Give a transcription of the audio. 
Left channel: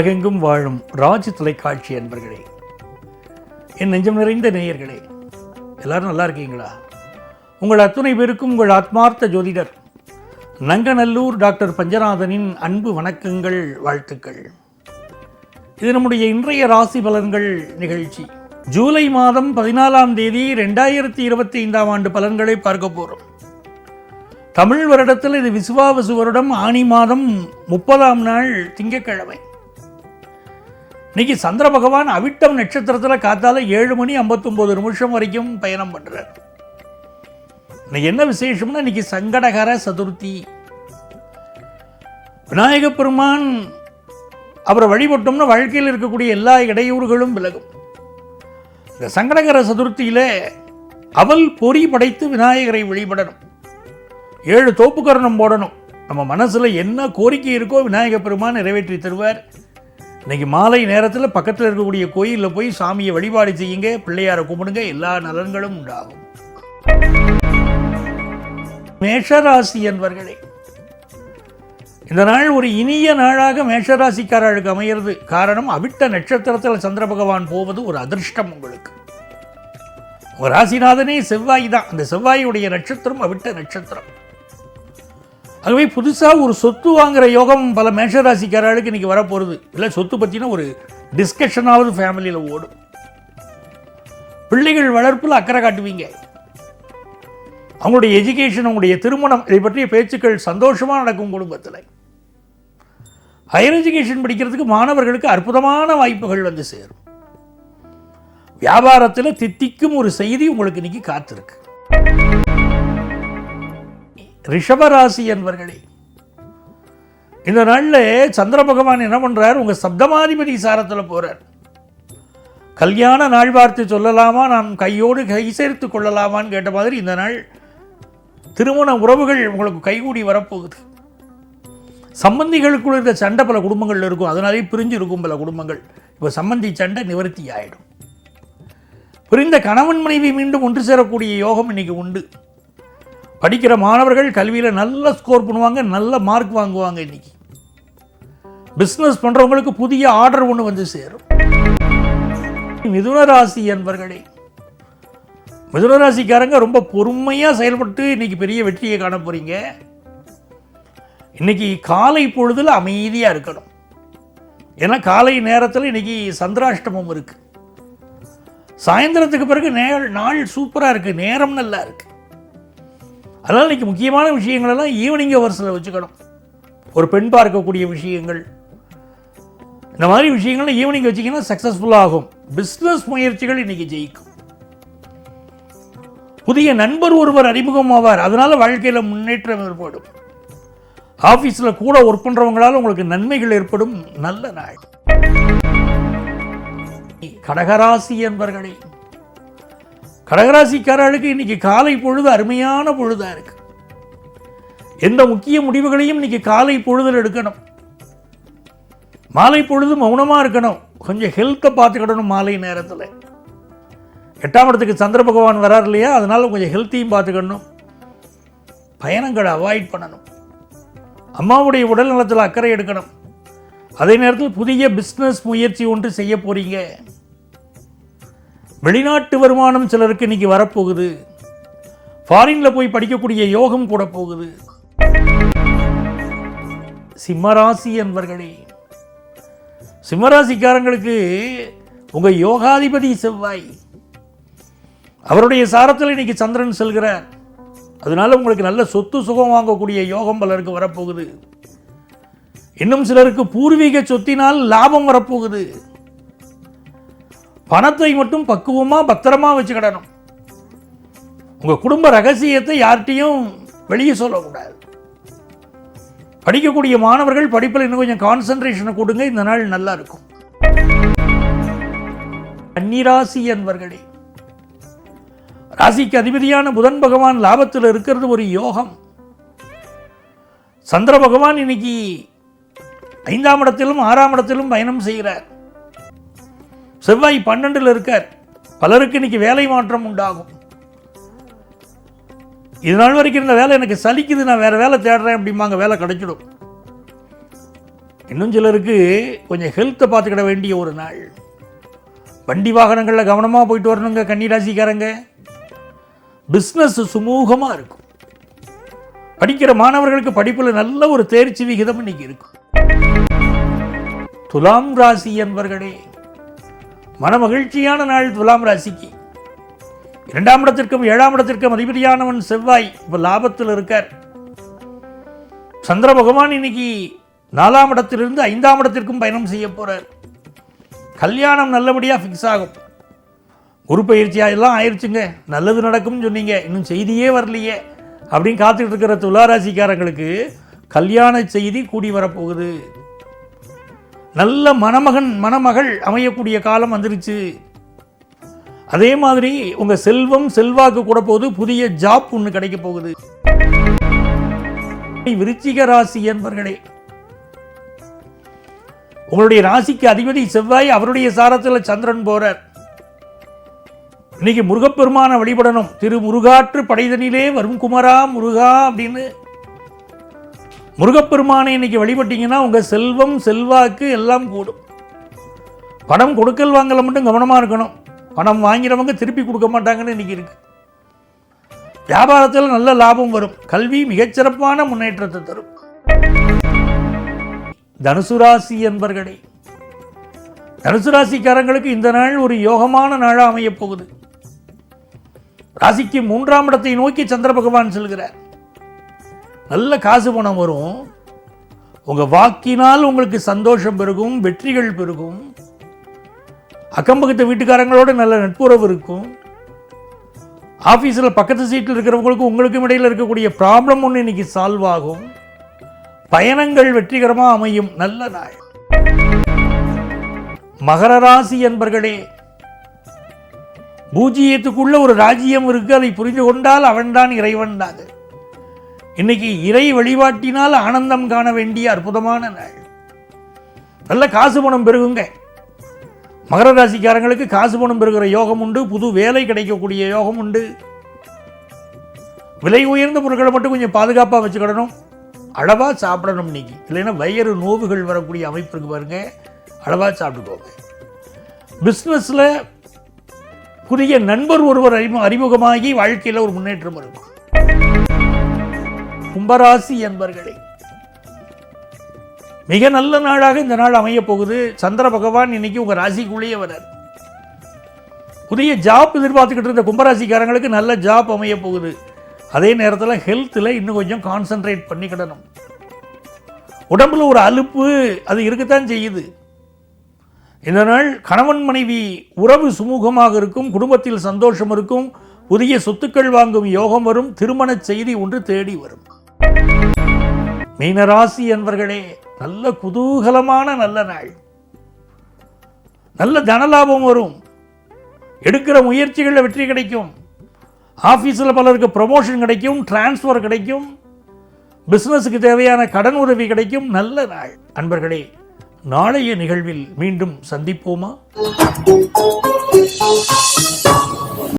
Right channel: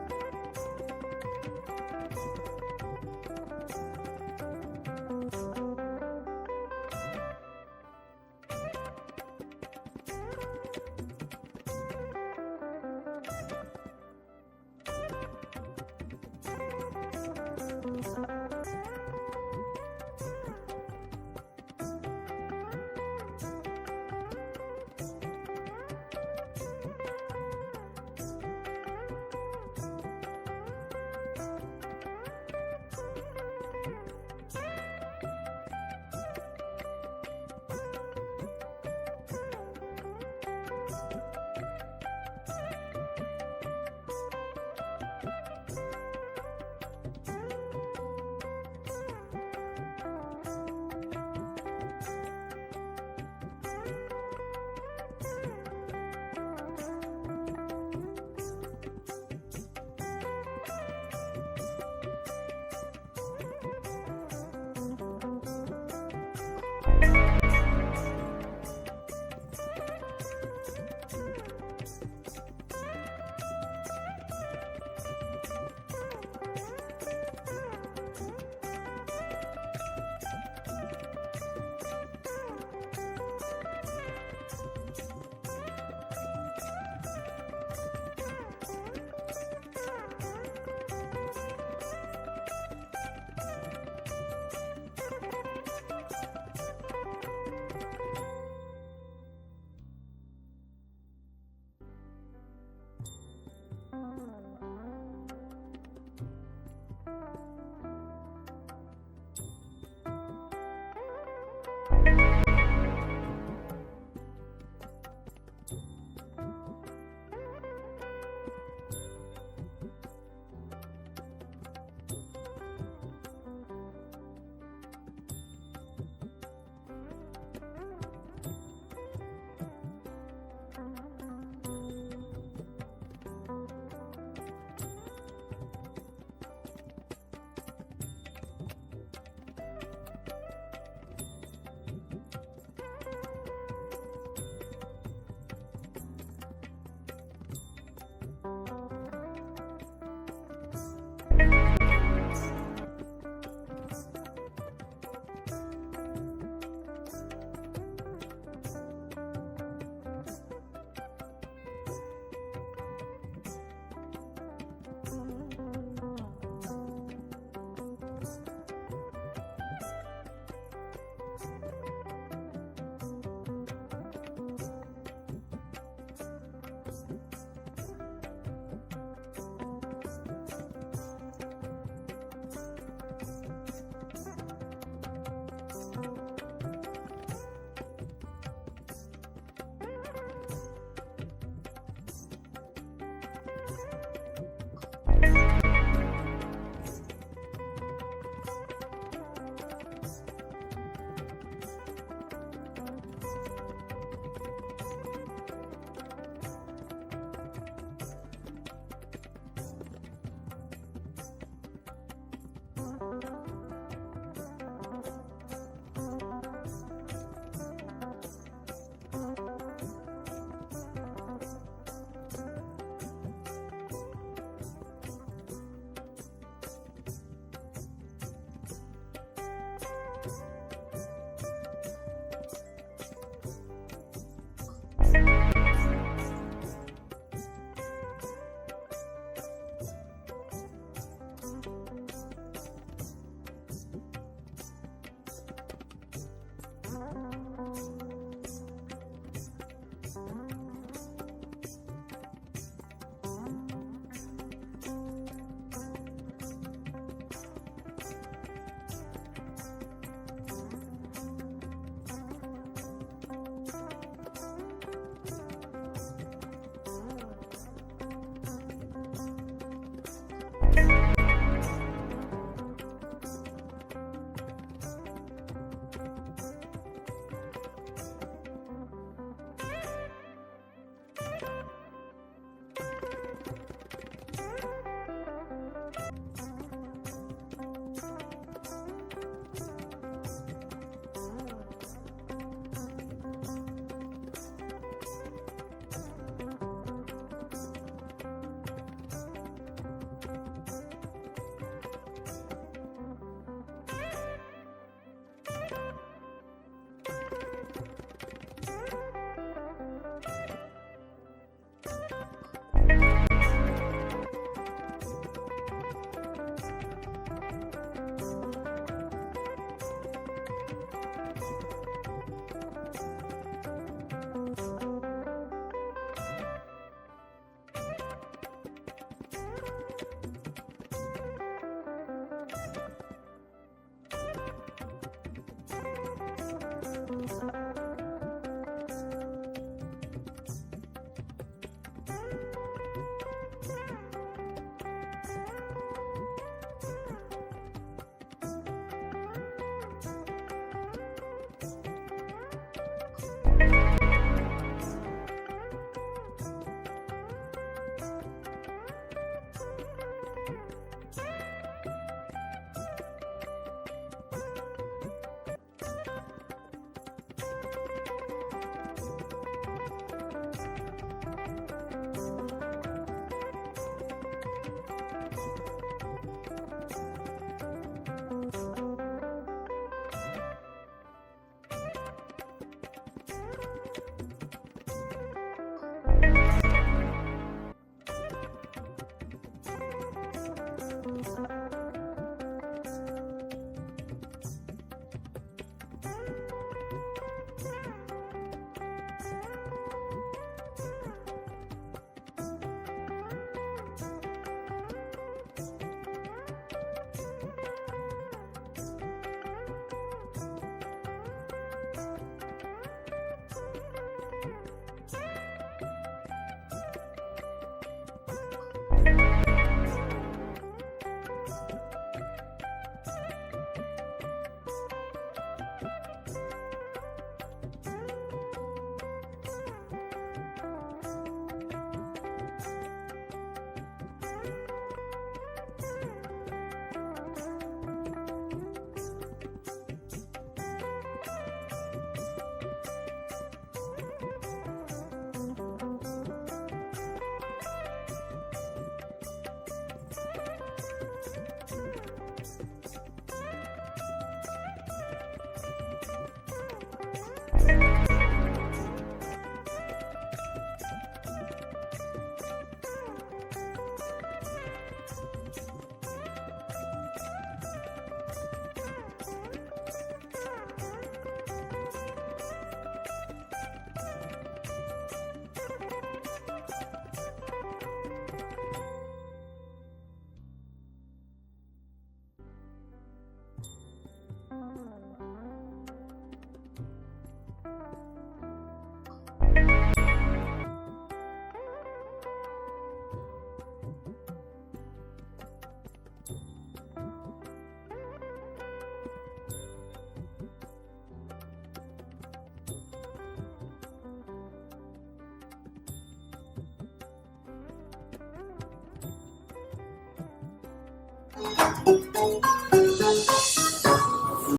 உலகெங்கும் வாழும் ராஜ் தொலைக்காட்சி அன்பர்களே, என் நெஞ்சம் நிறைந்த நேயர்களே, எல்லாரும் நல்லா இருக்கீங்களா? உங்கள் அத்துணை பேருக்கும் உங்கள் ஆத்மார்த்த ஜோதிடர் நங்கநல்லூர் டாக்டர் பஞ்சநாதனின் அன்பு வணக்கங்கள், வாழ்த்துக்கள். இது நம்முடைய இன்றைய ராசி பலன்கள் நிகழ்ச்சி. ஜூலை மாதம் 14ஆம் தேதி 2025ஆம் ஆண்டு பலன்களை பார்க்க போகிறோம். தமிழ் வருடத்தில் இது விசுவாவசு வருடம், ஆனி மாதம் 30ஆம் நாள் திங்கட்கிழமை. இன்னைக்கு சந்திர பகவான் அவிட்டம் நட்சத்திரத்தில் காத்தால 7:59 வரைக்கும் பயணம் பண்றார். இன்னைக்கு என்ன விசேஷம்னா, இன்னைக்கு சங்கடகர சதுர்த்தி. விநாயக பெருமான் அவரை வழிபட்டோம்னா வாழ்க்கையில் இருக்கக்கூடிய எல்லா இடையூறுகளும் விலகும். இந்த சங்கடகர சதுர்த்தியில அவல் பொறி படைத்து விநாயகரை வழிபடணும். 7 தோப்புக்கரணம் போடணும். நம்ம மனசுல என்ன கோரிக்கை இருக்கோ விநாயக பெருமான் நிறைவேற்றி தருவார். இன்னைக்கு மாலை நேரத்தில் பக்கத்தில் இருக்கக்கூடிய கோயிலில் போய் சாமியை வழிபாடு செய்யுங்க, பிள்ளையாரை கும்பிடுங்க, எல்லா நலன்களும் உண்டாகும். மேஷராசி என்பர்களே, இந்த நாள் ஒரு இனிய நாளாக மேஷராசிக்காரர்களுக்கு அமைகிறது. காரணம், அவிட்ட நட்சத்திரத்தில் சந்திர பகவான் போவது ஒரு அதிர்ஷ்டம் உங்களுக்கு. உங்க ராசிநாதனே செவ்வாய் தான். அந்த செவ்வாயுடைய நட்சத்திரம் அவிட்ட நட்சத்திரம். ஆகவே புதுசாக ஒரு சொத்து வாங்குற யோகம் பல மேஷராசிக்காரர்களுக்கு இன்னைக்கு வரப்போகிறது. இல்லை, சொத்து பற்றின ஒரு டிஸ்கஷனாவது ஃபேமிலியில் ஓடும். பிள்ளைகள் வளர்ப்பில் அக்கறை காட்டுவீங்க. அவங்களுடைய எஜுகேஷன், அவங்களுடைய திருமணம், இதை பற்றிய பேச்சுக்கள் சந்தோஷமாக நடக்கும் குடும்பத்தில். ஹையர் எஜுகேஷன் படிக்கிறதுக்கு மாணவர்களுக்கு அற்புதமான வாய்ப்புகள் வந்து சேரும். வியாபாரத்தில் தித்திக்கும் ஒரு செய்தி உங்களுக்கு இன்னைக்கு காத்திருக்கு. ரிஷபராசி என்பர்களே, இந்த நாளில் சந்திர பகவான் என்ன பண்றார்? உங்க சப்தமாதிபதி சாரத்தில் போறார். கல்யாண நாள் பார்த்து சொல்லலாமா, நாம் கையோடு கை சேர்த்து கொள்ளலாமான்னு கேட்ட மாதிரி இந்த நாள் திருமண உறவுகள் உங்களுக்கு கைகூடி வரப்போகுது. சம்பந்திகளுக்குள்ள இருக்க சண்டை பல குடும்பங்கள் இருக்கும், அதனாலே பிரிஞ்சு இருக்கும் பல குடும்பங்கள். இப்போ சம்பந்தி சண்டை நிவர்த்தி ஆயிடும். பிரிந்த கணவன் மனைவி மீண்டும் ஒன்று சேரக்கூடிய யோகம் இன்னைக்கு உண்டு. படிக்கிற மாணவர்கள் கல்வியில் நல்ல ஸ்கோர் பண்ணுவாங்க, நல்ல மார்க் வாங்குவாங்க. இன்னைக்கு பிஸ்னஸ் பண்றவங்களுக்கு புதிய ஆர்டர் ஒன்று வந்து சேரும். மிதுன ராசி என்பர்களே, மிதுன ராசிக்காரங்க ரொம்ப பொறுமையாக செயல்பட்டு இன்னைக்கு பெரிய வெற்றியை காண போறீங்க. இன்னைக்கு காலை பொழுதுல அமைதியாக இருக்கணும். ஏன்னா காலை நேரத்தில் இன்னைக்கு சந்திராஷ்டமம் இருக்கு. சாயந்தரத்துக்கு பிறகு நாள் சூப்பராக இருக்கு, நேரம் நல்லா இருக்கு. அதனால் இன்னைக்கு முக்கியமான விஷயங்கள் எல்லாம் ஈவினிங் ஹவர்ஸில் வச்சுக்கணும். ஒரு பெண் பார்க்கக்கூடிய விஷயங்கள், இந்த மாதிரி விஷயங்கள் ஈவினிங் வச்சிங்கன்னா சக்ஸஸ்ஃபுல்லாக ஆகும். பிஸ்னஸ் முயற்சிகள் இன்னைக்கு ஜெயிக்கும். புதிய நண்பர் ஒருவர் அறிமுகம் ஆவார், அதனால வாழ்க்கையில் முன்னேற்றம் ஏற்படும். ஆஃபீஸில் கூட ஒர்க் பண்ணுறவங்களால உங்களுக்கு நன்மைகள் ஏற்படும். நல்ல நாள். கடகராசி என்பர்களே, கடகராசிக்காரர்களுக்கு இன்னைக்கு காலை பொழுது அருமையான பொழுதா இருக்கு. எந்த முக்கிய முடிவுகளையும் இன்னைக்கு காலை பொழுதில் எடுக்கணும். மாலை பொழுது மௌனமா இருக்கணும். கொஞ்சம் ஹெல்த்தை பார்த்துக்கிடணும். மாலை நேரத்தில் 8ஆம் இடத்துக்கு சந்திர பகவான் வரார் இல்லையா, அதனால கொஞ்சம் ஹெல்த்தையும் பார்த்துக்கணும். பயணங்களை அவாய்ட் பண்ணணும். அம்மாவுடைய உடல் நலத்தில் அக்கறை எடுக்கணும். அதே நேரத்தில் புதிய பிஸ்னஸ் முயற்சி ஒன்று செய்ய போறீங்க. வெளிநாட்டு வருமானம் சிலருக்கு இன்னைக்கு வரப்போகுது. ஃபாரின்ல போய் படிக்கக்கூடிய யோகம் கூட போகுது. சிம்மராசி என்பர்களே, சிம்மராசிக்காரங்களுக்கு உங்க யோகாதிபதி செவ்வாய், அவருடைய சாரத்தில் இன்னைக்கு சந்திரன் செல்கிறார். அதனால உங்களுக்கு நல்ல சொத்து சுகம் வாங்கக்கூடிய யோகம் பலருக்கு வரப்போகுது. இன்னும் சிலருக்கு பூர்வீக சொத்தினால் லாபம் வரப்போகுது. பணத்தை மட்டும் பக்குவமா பத்திரமா வச்சுக்கிடணும். உங்க குடும்ப ரகசியத்தை யார்கிட்டையும் வெளியே சொல்லக்கூடாது. படிக்கக்கூடிய மாணவர்கள் படிப்பில் இன்னும் கொஞ்சம் கான்சென்ட்ரேஷனை கொடுங்க. இந்த நாள் நல்லா இருக்கும். கன்னிராசி என்பர்களே, ராசிக்கு அதிபதியான புதன் பகவான் லாபத்தில் இருக்கிறது ஒரு யோகம். சந்திர பகவான் இன்னைக்கு 5ஆம் இடத்திலும் 6ஆம் இடத்திலும் பயணம் செய்கிறார். செவ்வாய் 12ல் இருக்கார். பலருக்கு இன்னைக்கு வேலை மாற்றம் உண்டாகும். இது நாள் வரைக்கும் இந்த வேலை எனக்கு சலிக்குது, நான் வேற வேலை தேடுறேன் அப்படிம்பாங்க, வேலை கிடைச்சிடும். இன்னும் சிலருக்கு கொஞ்சம் ஹெல்த்தை பார்த்துக்கிட வேண்டிய ஒரு நாள். வண்டி வாகனங்களில் கவனமாக போயிட்டு வரணுங்க கன்னிராசிக்காரங்க. பிஸ்னஸ் சுமூகமாக இருக்கும். படிக்கிற மாணவர்களுக்கு படிப்பில் நல்ல ஒரு தேர்ச்சி விகிதம் இன்னைக்கு இருக்கும். துலாம் ராசி என்பர்களே, மன மகிழ்ச்சியான நாள் துலாம் ராசிக்கு. 2ஆம் இடத்திற்கும் 7ஆம் இடத்திற்கும் அதிபதியானவன் செவ்வாய் இப்போ லாபத்தில் இருக்கார். சந்திர பகவான் இன்னைக்கு 4ஆம் இடத்திலிருந்து 5ஆம் இடத்திற்கும் பயணம் செய்ய போறார். கல்யாணம் நல்லபடியாக ஃபிக்ஸ் ஆகும். குரு பயிற்சியாக எல்லாம் ஆயிடுச்சுங்க, நல்லது நடக்கும்னு சொன்னீங்க, இன்னும் செய்தியே வரலையே அப்படின்னு காத்துட்டு இருக்கிற துளாராசிக்காரங்களுக்கு கல்யாண செய்தி கூடி வரப்போகுது. நல்ல மணமகள் அமையக்கூடிய காலம் வந்துருச்சு. அதே மாதிரி உங்க செல்வம் செல்வாக்கு கூட போகுது. புதிய ஜாப் ஒன்று கிடைக்க போகுது. விருச்சிக ராசி என்பர்களே, உங்களுடைய ராசிக்கு அதிபதி செவ்வாய், அவருடைய சாரத்தில் சந்திரன் போறார். இன்னைக்கு முருகப்பெருமான வழிபடணும். திரு முருகாற்று படைதனிலே வரும் குமரா முருகா அப்படின்னு முருகப்பெருமானை இன்னைக்கு வழிபட்டீங்கன்னா உங்க செல்வம் செல்வாக்கு எல்லாம் கூடும். பணம் கொடுக்கல் வாங்கல மட்டும் கவனமா இருக்கணும். பணம் வாங்கிறவங்க திருப்பி கொடுக்க மாட்டாங்கன்னு இன்னைக்கு இருக்கு. வியாபாரத்தில் நல்ல லாபம் வரும். கல்வி மிகச்சிறப்பான முன்னேற்றத்தை தரும். தனுசு ராசி என்பர்களே, தனுசு ராசிக்காரங்களுக்கு இந்த நாள் ஒரு யோகமான நாளா அமைய போகுது. ராசிக்கு 3ஆம் இடத்தை நோக்கி சந்திர பகவான் செல்கிறார். நல்ல காசு பணம் வரும். உங்க வாக்கினால் உங்களுக்கு சந்தோஷம் பெருகும், வெற்றிகள் பெருகும். அக்கம்பக்கத்து வீட்டுக்காரங்களோட நல்ல நட்புறவு இருக்கும். ஆபீஸில் பக்கத்து சீட்டில் இருக்கிறவங்களுக்கும் உங்களுக்கும் இடையில் இருக்கக்கூடிய ப்ராப்ளம் ஒன்று இன்னைக்கு சால்வ் ஆகும். பயணங்கள் வெற்றிகரமாக அமையும். நல்ல நாள். மகர ராசி என்பர்களே, பூஜ்ஜியத்துக்குள்ள ஒரு ராஜ்யம் இருக்கு. அதை புரிந்து கொண்டால் அவன்தான் இறைவன் தான். இன்னைக்கு இறை வழிபாட்டினால் ஆனந்தம் காண வேண்டிய அற்புதமான நாள். நல்ல காசு பணம் பெருகுங்க. மகர ராசிக்காரங்களுக்கு காசு பணம் பெறுகிற யோகம் உண்டு. புது வேலை கிடைக்கக்கூடிய யோகம் உண்டு. விலை உயர்ந்த பொருட்களை மட்டும் கொஞ்சம் பாதுகாப்பாக வச்சுக்கிடணும். அளவா சாப்பிடணும். இன்னைக்கு இல்லைன்னா வயிறு நோவுகள் வரக்கூடிய அமைப்பு இருக்கு பாருங்க. அளவா சாப்பிட்டுக்கோங்க. பிஸ்னஸ்ல புதிய நண்பர் ஒருவர் அறிமுகமாகி வாழ்க்கையில் ஒரு முன்னேற்றம் இருக்கும். கும்பராசி என்பர்களே, மிக நல்ல நாளாக இந்த நாள் அமைய போகுது. சந்திர பகவான் இன்னைக்கு உங்க ராசிக்குள்ளேயே வரார். புதிய ஜாப் எதிர்பார்த்துக்கிட்டு இருந்த கும்பராசிக்காரங்களுக்கு நல்ல ஜாப் அமைய போகுது. அதே நேரத்தில் ஹெல்த்தில் இன்னும் கொஞ்சம் கான்சென்ட்ரேட் பண்ணிக்கிடணும். உடம்புல ஒரு அலுப்பு அது இருக்கத்தான் செய்யுது. இந்த நாள் கணவன் மனைவி உறவு சுமூகமாக இருக்கும். குடும்பத்தில் சந்தோஷம் இருக்கும். புதிய சொத்துக்கள் வாங்கும் யோகம் வரும். திருமண செய்தி ஒன்று தேடி வரும். மீனராசி என்பர்களே, நல்ல குதூகலமான நல்ல நாள். நல்ல தனலாபம் வரும். எடுக்கிற முயற்சிகளில் வெற்றி கிடைக்கும். ஆஃபீஸில் பலருக்கு ப்ரமோஷன் கிடைக்கும், டிரான்ஸ்ஃபர் கிடைக்கும். பிஸ்னஸுக்கு தேவையான கடன் உதவி கிடைக்கும். நல்ல நாள். அன்பர்களே, நாளைய நிகழ்வில் மீண்டும் சந்திப்போமா?